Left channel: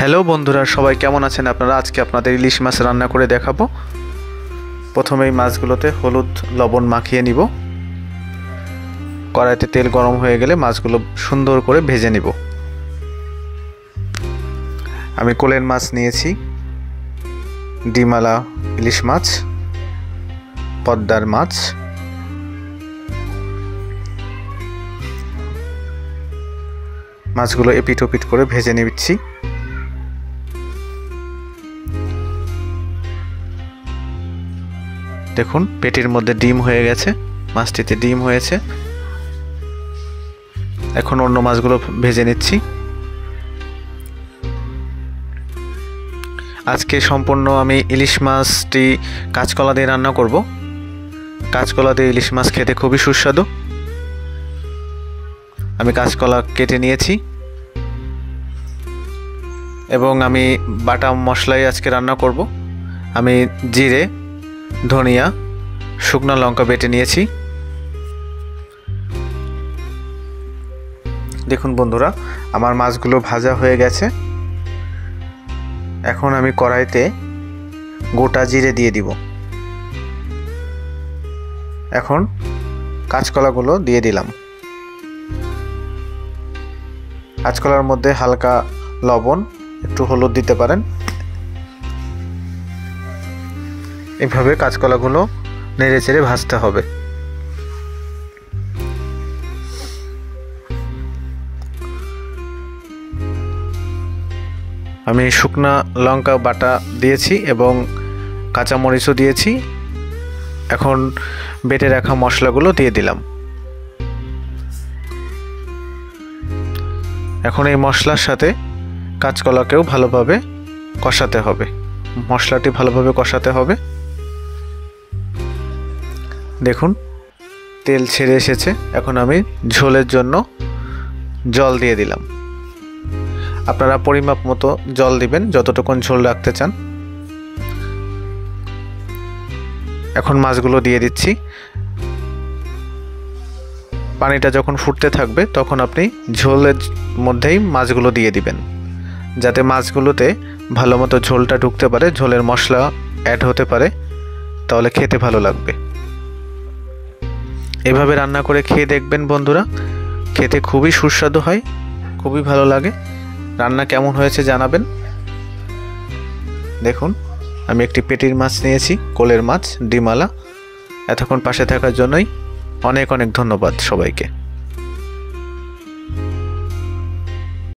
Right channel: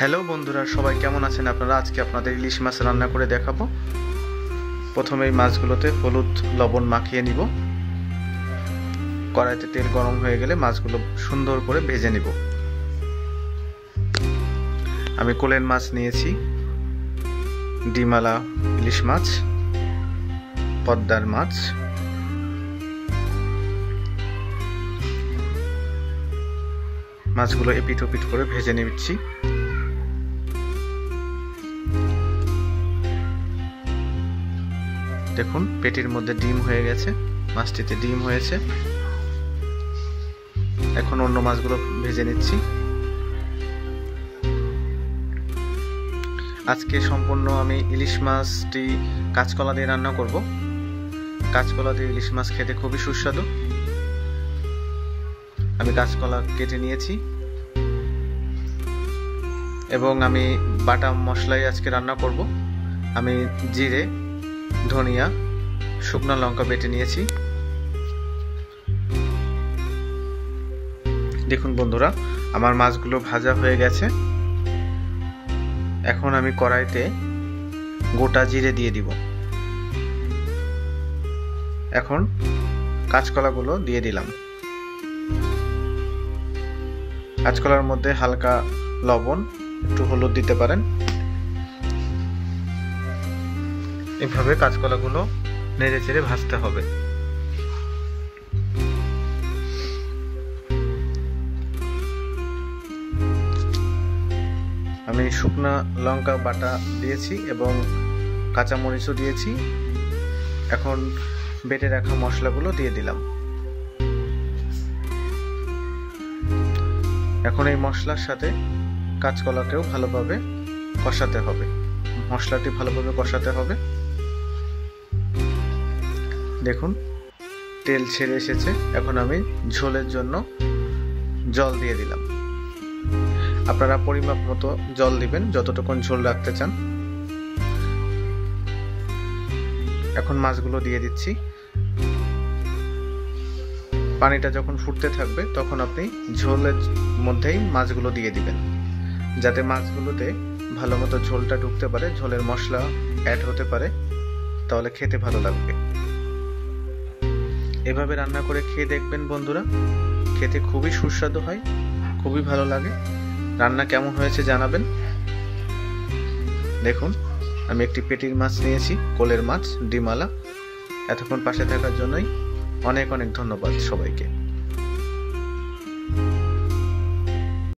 Hello বন্ধুরা, সবাই কেমন আছেন আপনারা? আজকে আপনাদের ইলিশ মাছ রান্না করে দেখাবো। প্রথমেই মাছগুলোতে হলুদ লবণ মাখিয়ে নিব। কড়াইতে তেল গরম হয়ে গেলে মাছগুলো সুন্দর করে ভেজে নিব। আমি কোলের মাছ নিয়েছি, ডিমালা ইলিশ মাছ, পদ্মার মাছ। মাছগুলো এপিট ওপিট করে ভেজে নিচ্ছি। দেখুন, পেটির মধ্যে ডিম হয়ে গেছে, মাছটিতে ডিম হয়েছে। এখন অন্য মাছগুলো ভেজে নিচ্ছি। আজকে সম্পূর্ণ আমি ইলিশ মাছটি কাঁচকলা দিয়ে রান্না করব। কাঁচকলা দিয়ে ইলিশ মাছ খেতে খুবই সুস্বাদু। আমি কাঁচকলা কেটে নিয়েছি এবং আমি বাটা মশলাই আজকে রান্না করব। আমি জিরে, ধনিয়া, শুকনো লঙ্কা বেটে নিয়েছি। দেখুন বন্ধুরা, আমার মাছগুলো ভাজা হয়ে গেছে। এখন আমি কড়াইতে গোটা জিরে দিয়ে দিব। এখন কাঁচকলাগুলো দিয়ে দিলাম। কাঁচকলার মধ্যে হালকা লবণ, একটু হলুদ দিতে পারেন। এভাবে কাঁচকলাগুলো নেড়ে চেড়ে ভাজতে হবে। আমি শুকনা লঙ্কা বাটা দিয়েছি এবং কাঁচামরিচও দিয়েছি। এখন বেটে রাখা মশলাগুলো দিয়ে দিলাম। এখন এই মশলার সাথে কাঁচকলাকেও ভালোভাবে কষাতে হবে। মশলাটি ভালোভাবে কষাতে হবে। দেখুন, তেল ছেড়ে এসেছে। এখন আমি ঝোলের জন্য জল দিয়ে দিলাম। আপনারা পরিমাপ মতো জল দিবেন, যতটুকুন ঝোল রাখতে চান। এখন মাছগুলো দিয়ে দিচ্ছি। পানিটা যখন ফুটতে থাকবে তখন আপনি ঝোলের মধ্যেই মাছগুলো দিয়ে দিবেন, যাতে মাছগুলোতে ভালো মতো ঝোলটা ঢুকতে পারে, ঝোলের মশলা অ্যাড হতে পারে, তাহলে খেতে ভালো লাগবে। এভাবে রান্না করে খেয়ে দেখবেন বন্ধুরা, খেতে খুবই সুস্বাদু হয়, খুবই ভালো লাগে। রান্না কেমন হয়েছে জানাবেন। দেখুন, আমি একটি পেটির মাছ নিয়েছি, কোলের মাছ, ডিমালা। এতক্ষণ পাশে থাকার জন্যই অনেক অনেক ধন্যবাদ সবাইকে।